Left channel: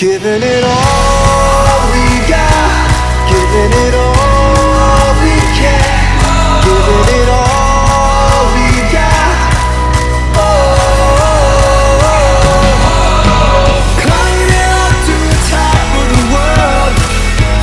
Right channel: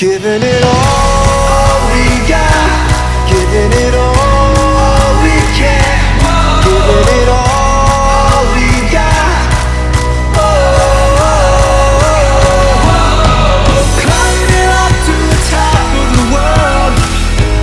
Giving it all we got, giving it all we can, giving it all we got. Oh, climbing up to the top of the world,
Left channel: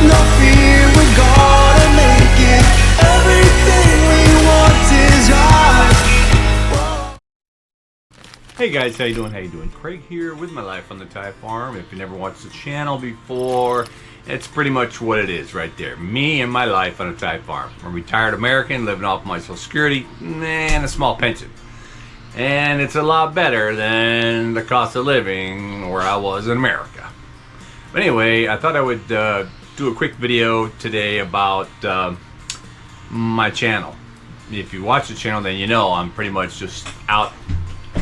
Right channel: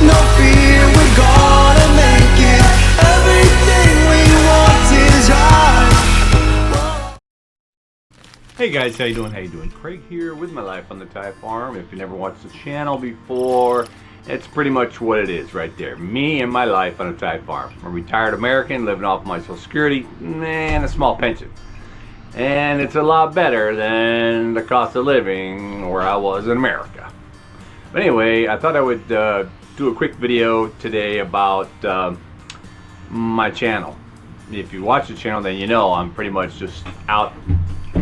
no fear, we're gonna make it. Everything we want is ours. Whoa. Hey guys, how you doing? How you doing? Craig here with my life on the Thai farm. If you never watched the channel before, it's pretty much what it is right there. Me and my life on a Thai farm. I'm a retired American living off my Social Security and a small pension. And it's a lot better than the cost of living where I was in America. But anyway, I thought I would do a quick video today about my channel. If you watch the channel, then you know I'm pretty much just out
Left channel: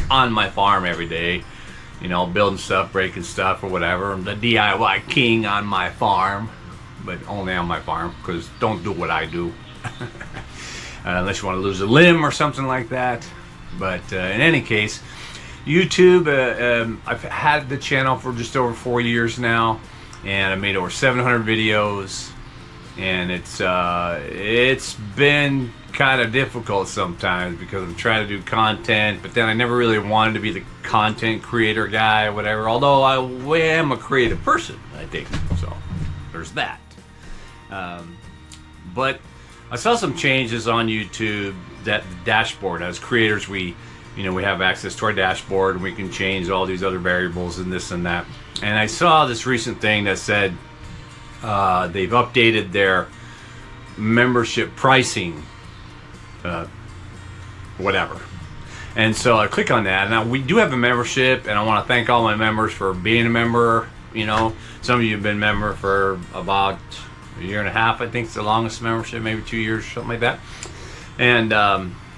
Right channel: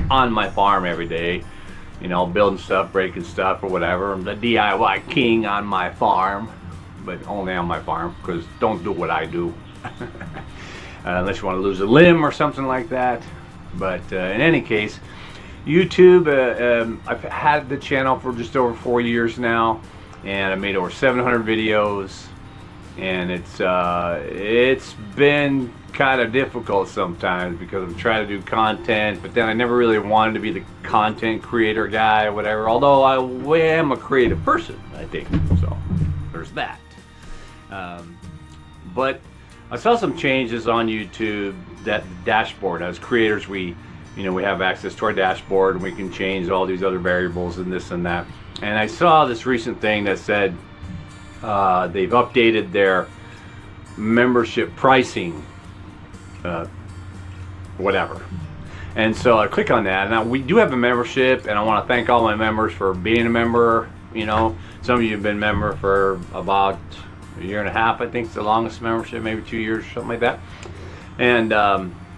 on my farm every day, you know, building stuff, breaking stuff, or whatever. I'm the DIY king on my farm, but only on my farm, because don't do what I do unless you want to lose a limb or something like that. But in any case, YouTube, I've had the channel for just over 4 years now, and I made over 700 videos, and it's been kind of difficult sometimes because I'm trying to do content, but then I never really wanted to be the content creator guy or whatever, although I am a creative person, I think, so there's that. But I saw some changes on YouTube, that the dashboard, as creators we have access to our dashboard and we can change all these other variables and this and that. And I saw this recent thing that said they've updated their membership pricing, whatever. And so I click on that. Now we do have a membership, and I want to thank all my members for being a member. You know, some of you have been a member for about a year and a half. I think it's the longest membership, maybe 2 years, something like that. And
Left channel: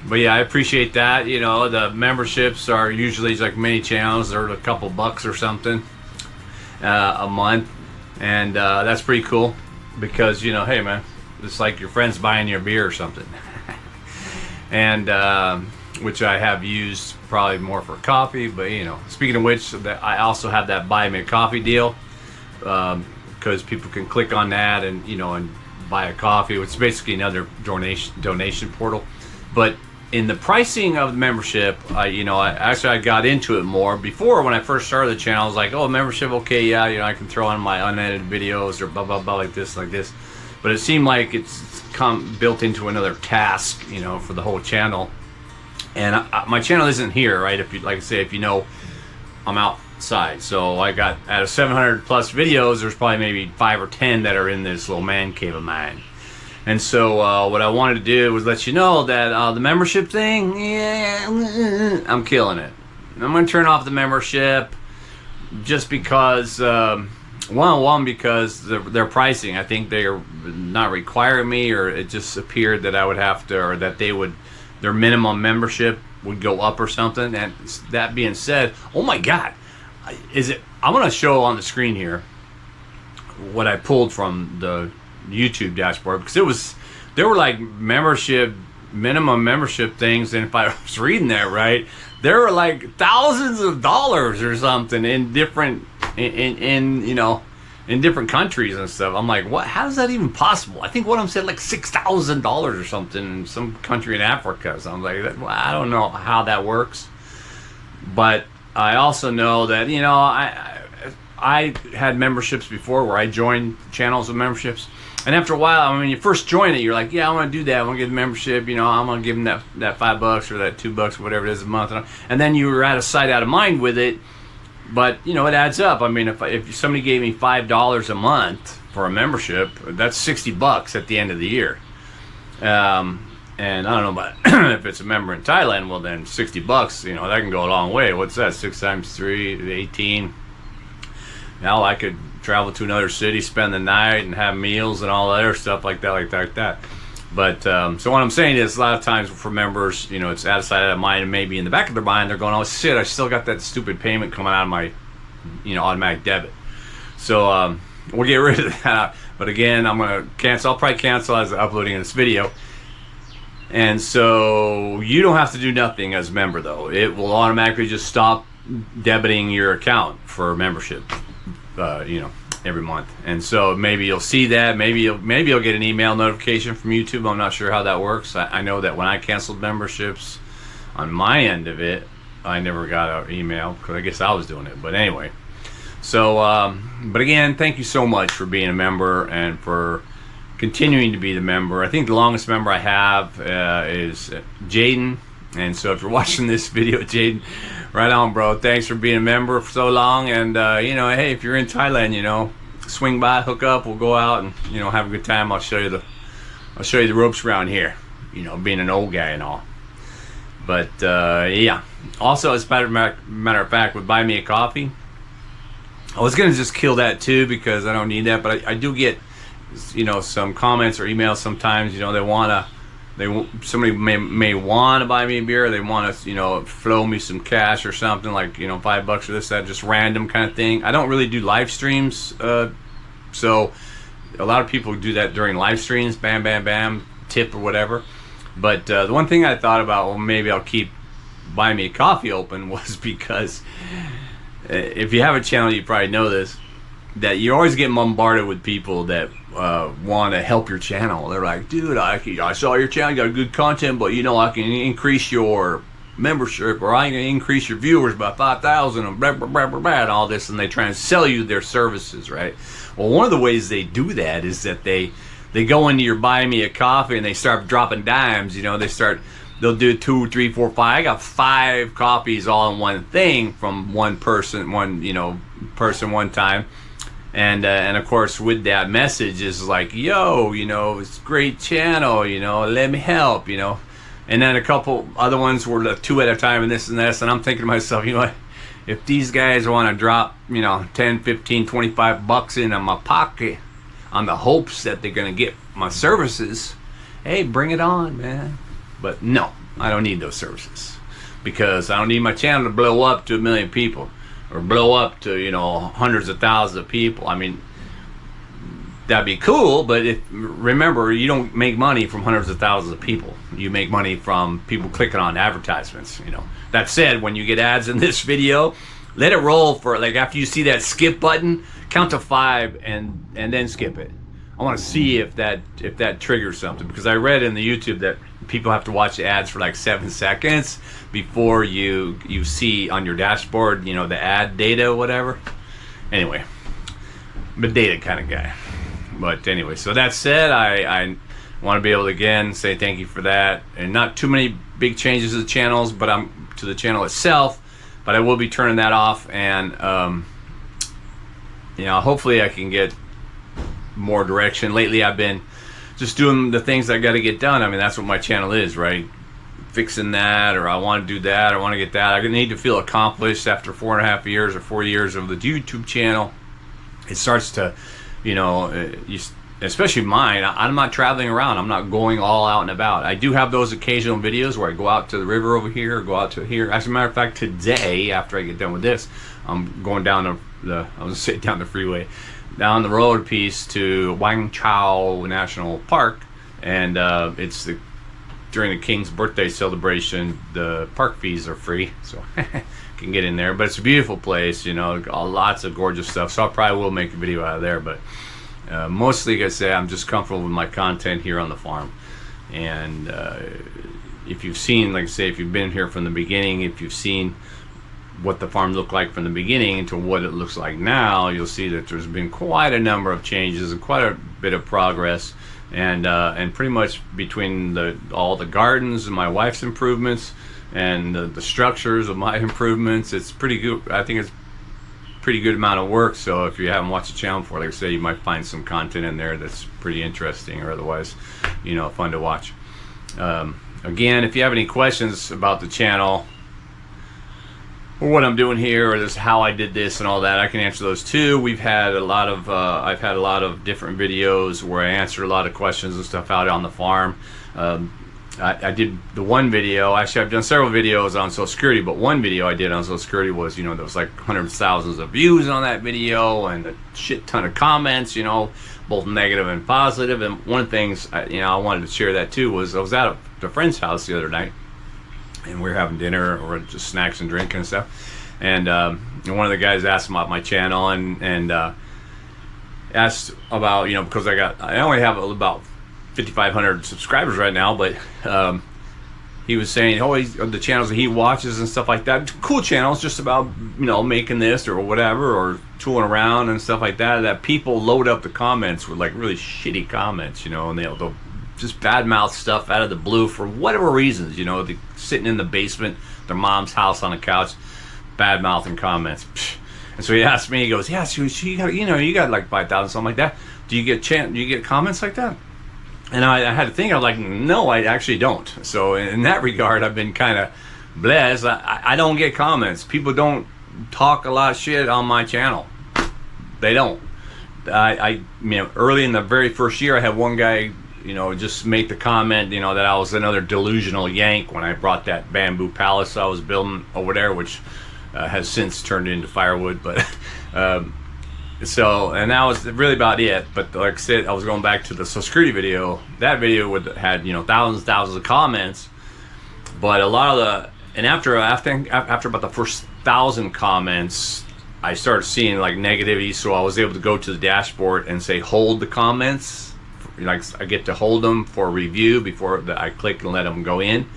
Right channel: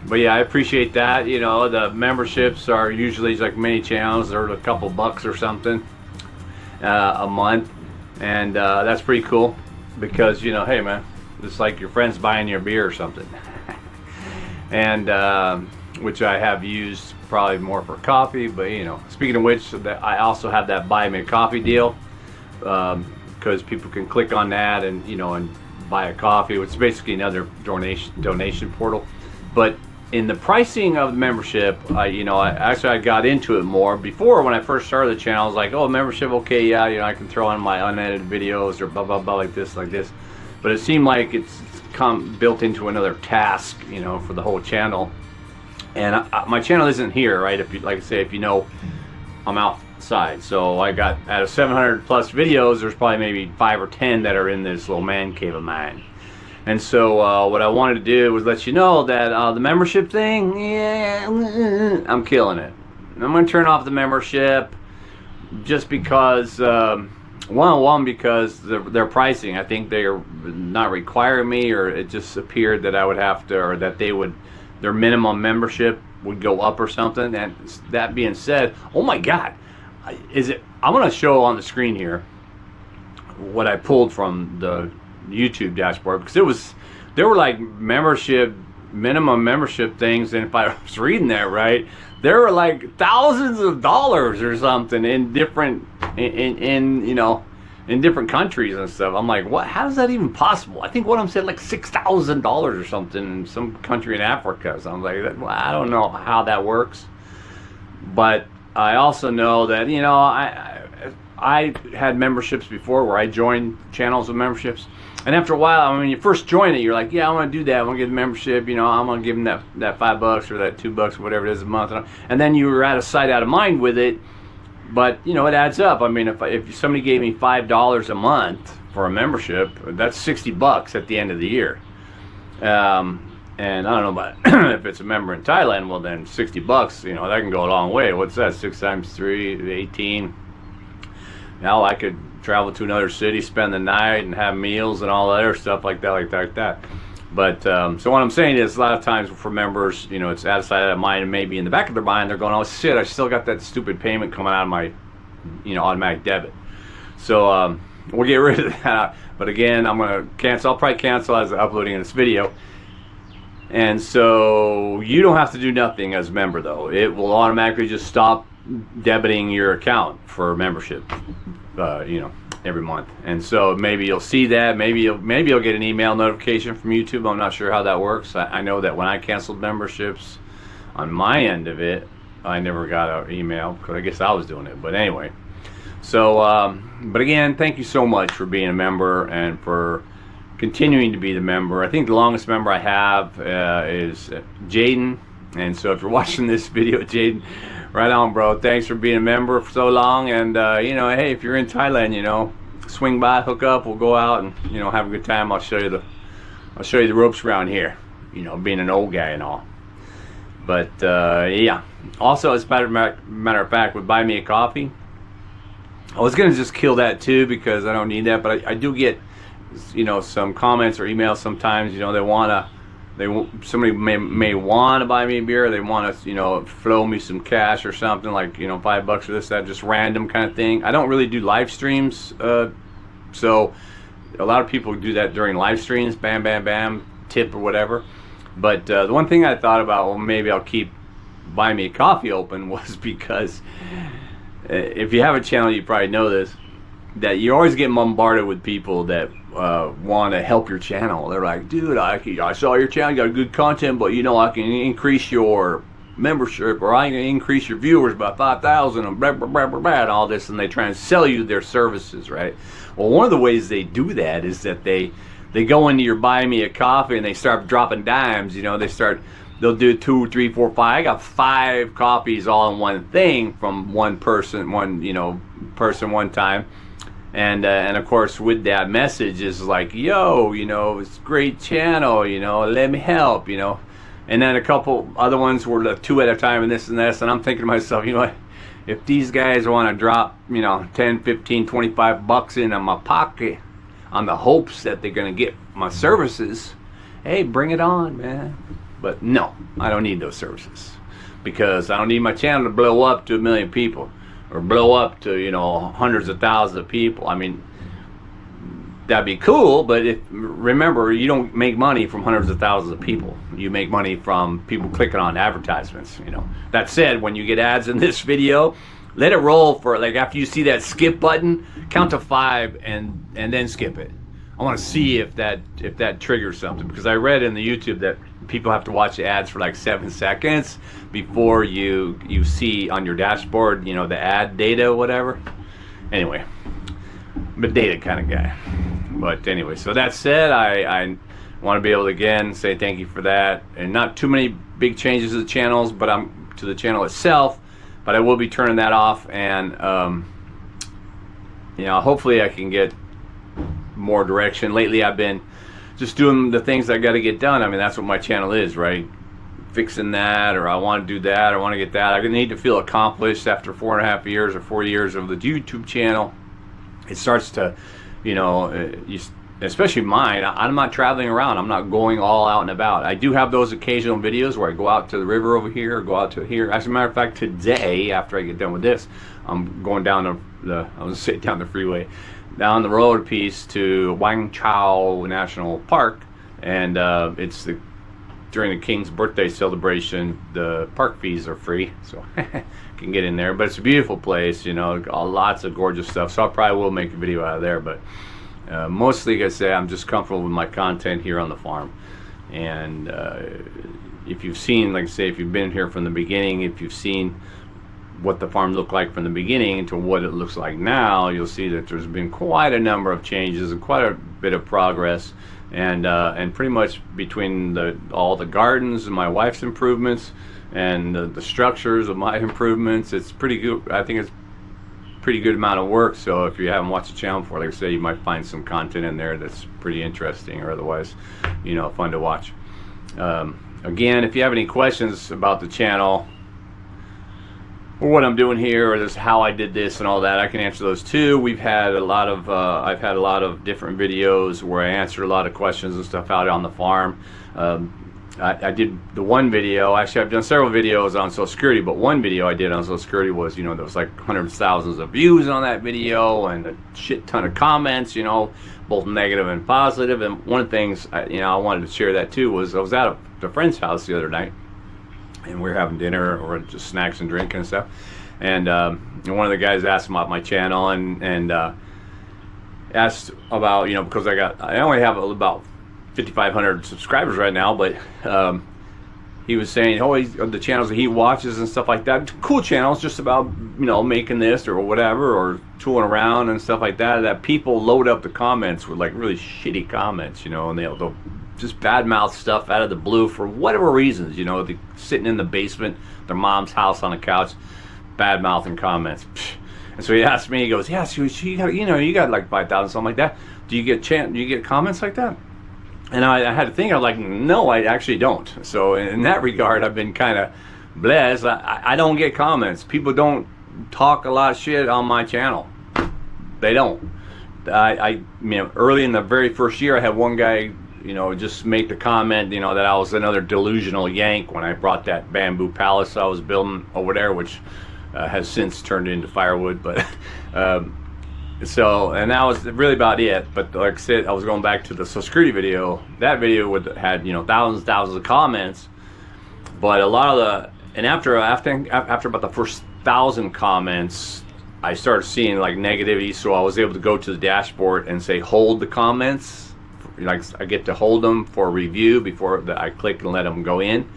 but yeah, I appreciate that. You know, the memberships are usually like many channels, they're a couple bucks or something a month, and that's pretty cool because, you know, hey man, it's like your friends buying you a beer or something. And which I have used probably more for coffee, but you know, speaking of which, I also have that buy me a coffee deal, because people can click on that and, you know, and buy a coffee, which is basically another donation portal. But in the pricing of the membership, I got into it more. Before, when I first started the channel, I was like, oh, membership, okay, yeah, you know, I can throw on my unedited videos or blah blah blah, like this. But it seemed like it's built into another task, you know, for the whole channel. And my channel isn't here, right? If you, like I say, if you know, I'm outside. So I got, out of 700 plus videos, there's probably maybe 5 or 10 that are in this little man cave of mine. And so what I wanted to do was let you know that the membership thing, yeah, I'm killing it. I'm going to turn off the membership just because, one, because their pricing, I think they are not requiring me, or it just appeared that I would have to, or that they would, their minimum membership would go up or something. And that being said, oh my God, I'm going to show on the screen here what I pulled from the YouTube dashboard, because there were like minimum membership things, and if I was reading that right, there were like thousands of dollars or something in different in different countries and stuff. I'm like, what? How is that even possible? I think one of them said like $6,000 or something in some country in Africa. So I'm like, well, I don't know how that works, but I also know that, you know, I had memberships before where I joined channels with memberships, and after a while, I mean, when you first join it, you're like, yeah, I want to do that. I want to get the membership. You know, I'm going to give them that $5 or that $2 or whatever it is a month, and then you were out of sight, out of mind with it. But you know, it adds up. I mean, if somebody gave me $5 a month for a membership, that's $60 at the end of the year. And I don't know about if it's a member in Thailand. Well, then $60, you know, that can go a long way. What's that? 6 times 3, 18. Now I could travel to another city, spend the night, and have meals and all other stuff like that. But so what I'm saying is, a lot of times for members, you know, it's out of sight, out of mind, and maybe in the back of their mind they're going, oh shit, I still got that stupid payment coming out of my, you know, automatic debit. So we'll get rid of that. But again, I'm gonna cancel. I'll probably cancel as I'm uploading this video. And so you don't have to do nothing as a member, though. It will automatically just stop debiting your account for membership. you know, every month. And so maybe you'll see that. Maybe you'll get an email notification from YouTube. I'm not sure how that works. I know that when I canceled memberships on my end of it, I never got an email because I guess I was doing it. But anyway, so but again, thank you so much for being a member and for continuing to be the member. I think the longest member I have is Jaden. And so if you're watching this video, Jaden, right on, bro. Thanks for being a member for so long. And you know, hey, if you're in Thailand, you know, swing by, hook up. We'll go out and, you know, have a good time. I'll show you the ropes around here. You know, being an old guy and all. But yeah. Also, as a matter of fact, with Buy Me a Coffee, I was gonna just kill that too because I don't need that. But I do get, you know, some comments or emails sometimes. You know, somebody may want to buy me a beer. Or they want to, you know, flow me some cash or something, like, you know, $5 or this, that, just random kind of thing. I don't really do live streams, so a lot of people do that during live streams, bam, bam, bam, tip or whatever. But the one thing I thought about, well, maybe I'll keep Buy Me a Coffee open, was because if you have a channel, you probably know this, that you always get bombarded with people that want to help your channel. They're like, dude, I saw your channel, you got good content, but you know, I can increase your membership, or I can increase your viewers by 5,000 and blah, blah, blah, blah, blah, and all this, and they try and sell you their services, right? Well, one of the ways they do that is that they go into your Buy Me a Coffee and they start dropping dimes. You know, they'll do 2, 3, 4, 5. I got 5 copies all in one thing from one person, one time. And of course, with that message is like, yo, you know, it's a great channel, you know, let me help, you know. And then a couple other ones were 2 at a time and this and this. And I'm thinking to myself, you know what, if these guys want to drop, you know, 10, 15, 25 bucks into my pocket on the hopes that they're going to get my services, hey, bring it on, man. But no, I don't need those services, because I don't need my channel to blow up to 1 million people. Or blow up to, you know, hundreds of thousands of people. I mean, that'd be cool, but remember, you don't make money from hundreds of thousands of people. You make money from people clicking on advertisements, you know. That said, when you get ads in this video, let it roll for, like, after you see that skip button, count to 5 and then skip it. I want to see if that triggers something, because I read in the YouTube that people have to watch the ads for like 7 seconds before you see on your dashboard, you know, the ad data or whatever. Anyway, I'm a data kind of guy. But anyway, so that said, I want to be able to again say thank you for that, and not too many big changes to the channels, but to the channel itself. But I will be turning that off, and you know, hopefully I can get more direction. Lately I've been just doing the things I got to get done. I mean, that's what my channel is, right? Fixing that, or I want to do that, or I want to get that. I need to feel accomplished after 4.5 years or 4 years of the YouTube channel. It starts to, you know, especially mine, I'm not traveling around. I'm not going all out and about. I do have those occasional videos where I go out to the river over here, or go out to here. As a matter of fact, today, after I get done with this, I'm going down I was gonna say down the freeway, down the road piece to Wang Chao National Park, and it's during the King's birthday celebration. The park fees are free, so can get in there. But it's a beautiful place, you know, lots of gorgeous stuff. So I probably will make a video out of there, but mostly, like I say, I'm just comfortable with my content here on the farm. And if you've seen, like I say, if you've been here from the beginning, if you've seen what the farm looked like from the beginning to what it looks like now, you'll see that there's been quite a number of changes and quite a bit of progress, and pretty much between all the gardens and my wife's improvements and the structures of my improvements, it's pretty good. I think it's pretty good amount of work. So if you haven't watched the channel before, like I say, you might find some content in there that's pretty interesting, or otherwise, you know, fun to watch. Again, if you have any questions about the channel, or what I'm doing here, or just how I did this and all that, I can answer those too. We've had a lot of I've had a lot of different videos where I answered a lot of questions and stuff out on the farm. I did the one video, actually I've done several videos on Social Security, but one video I did on Social Security was, you know, there was like hundreds of thousands of views on that video and a shit ton of comments, you know, both negative and positive. And one of the things, you know, I wanted to share that too, was I was at a friend's house the other night, and we were having dinner or just snacks and drinking and stuff, And one of the guys asked about my channel and asked about, you know, because I only have about 5,500 subscribers right now, but he was saying, oh, the channels that he watches and stuff like that, cool channels, just about, you know, making this or whatever, or tooling around and stuff like that, that people load up the comments with like really shitty comments, you know, and they'll just badmouth stuff out of the blue for whatever reasons, you know, sitting in the basement, their mom's house on a couch, badmouthing comments. And so he asked me, he goes, yeah, so you got, you know, you got like 5,000, something like that. Do you get comments like that? And I had to think, I was like, no, I actually don't. So in that regard, I've been kind of blessed. I don't get comments. People don't talk a lot of shit on my channel. They don't. You know, early in the very first year, I had one guy, you know, just make the comment, you know, that I was another delusional yank when I brought that bamboo palace I was building over there, which has since turned into firewood. But so, and that was really about it. But like I said, I was going back to the Social Security video. That video had, you know, thousands of comments. But a lot of the, and after about the first 1,000 comments, I started seeing like negativity. So I was able to go to the dashboard and say, hold the comments. Like I get to hold them for review before I click and let them go in.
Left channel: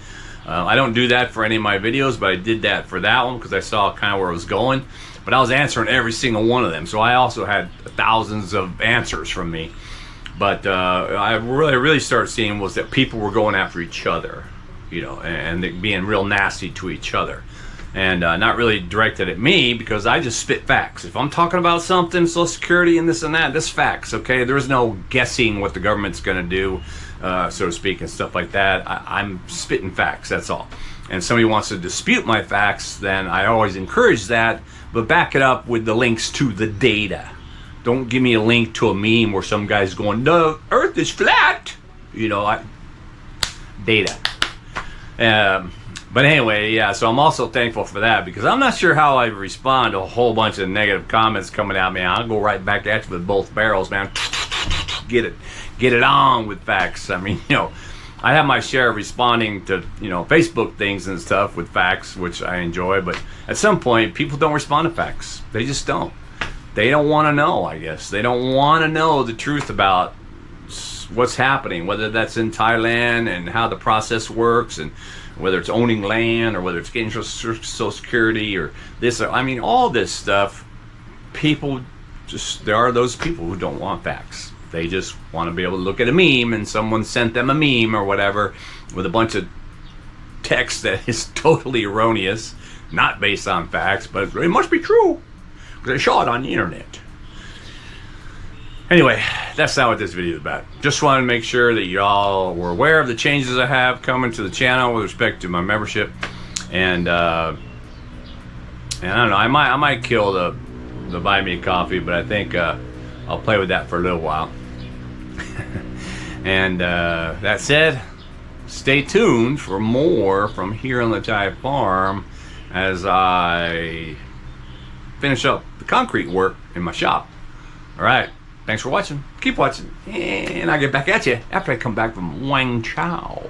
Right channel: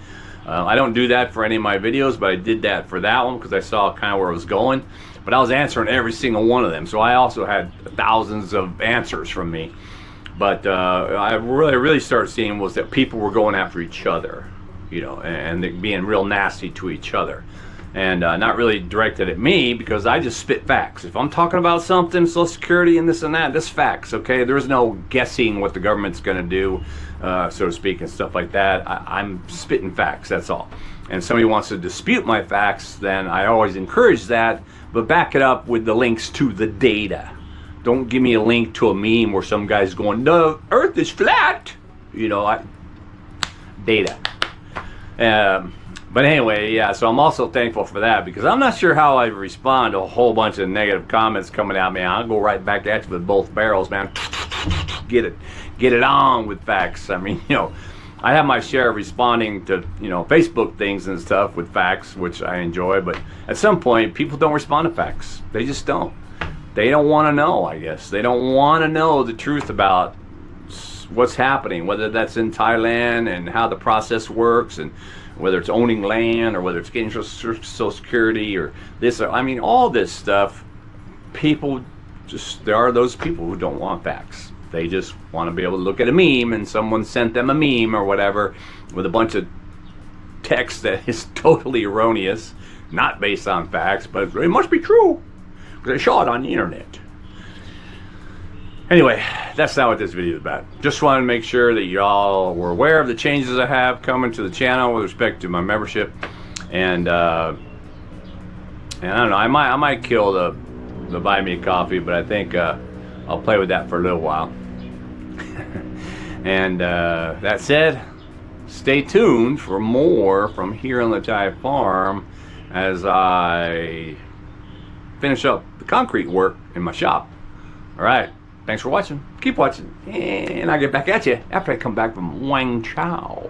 I don't do that for any of my videos, but I did that for that one because I saw kind of where it was going. But I was answering every single one of them, so I also had thousands of answers from me. But I really started seeing was that people were going after each other, you know, and being real nasty to each other, and not really directed at me because I just spit facts. If I'm talking about something, Social Security and that, this facts, okay? There's no guessing what the government's going to do, so to speak, and stuff like that. I'm spitting facts, that's all. And somebody wants to dispute my facts, then I always encourage that, but back it up with the links to the data. Don't give me a link to a meme where some guy's going, the earth is flat, you know, data. But anyway, yeah, so I'm also thankful for that because I'm not sure how I respond to a whole bunch of negative comments coming at me. I'll go right back at you with both barrels, man. Get it on with facts. I mean, you know, I have my share of responding to, you know, Facebook things and stuff with facts, which I enjoy, but at some point, people don't respond to facts. They just don't. They don't want to know, I guess. They don't want to know the truth about what's happening, whether that's in Thailand and how the process works, and whether it's owning land or whether it's getting Social Security or this. I mean, all this stuff, people just, there are those people who don't want facts. They just want to be able to look at a meme and someone sent them a meme or whatever with a bunch of text that is totally erroneous, not based on facts, but it must be true because I saw it on the internet. Anyway, that's not what this video is about. Just wanted to make sure that y'all were aware of the changes I have coming to the channel with respect to my membership, and I don't know, I might kill the buy me a coffee, but I think I'll play with that for a little while. And that said, stay tuned for more from here on the Thai farm as I finish up the concrete work in my shop. All right, thanks for watching. Keep watching, and I'll get back at you after I come back from Wang Chow.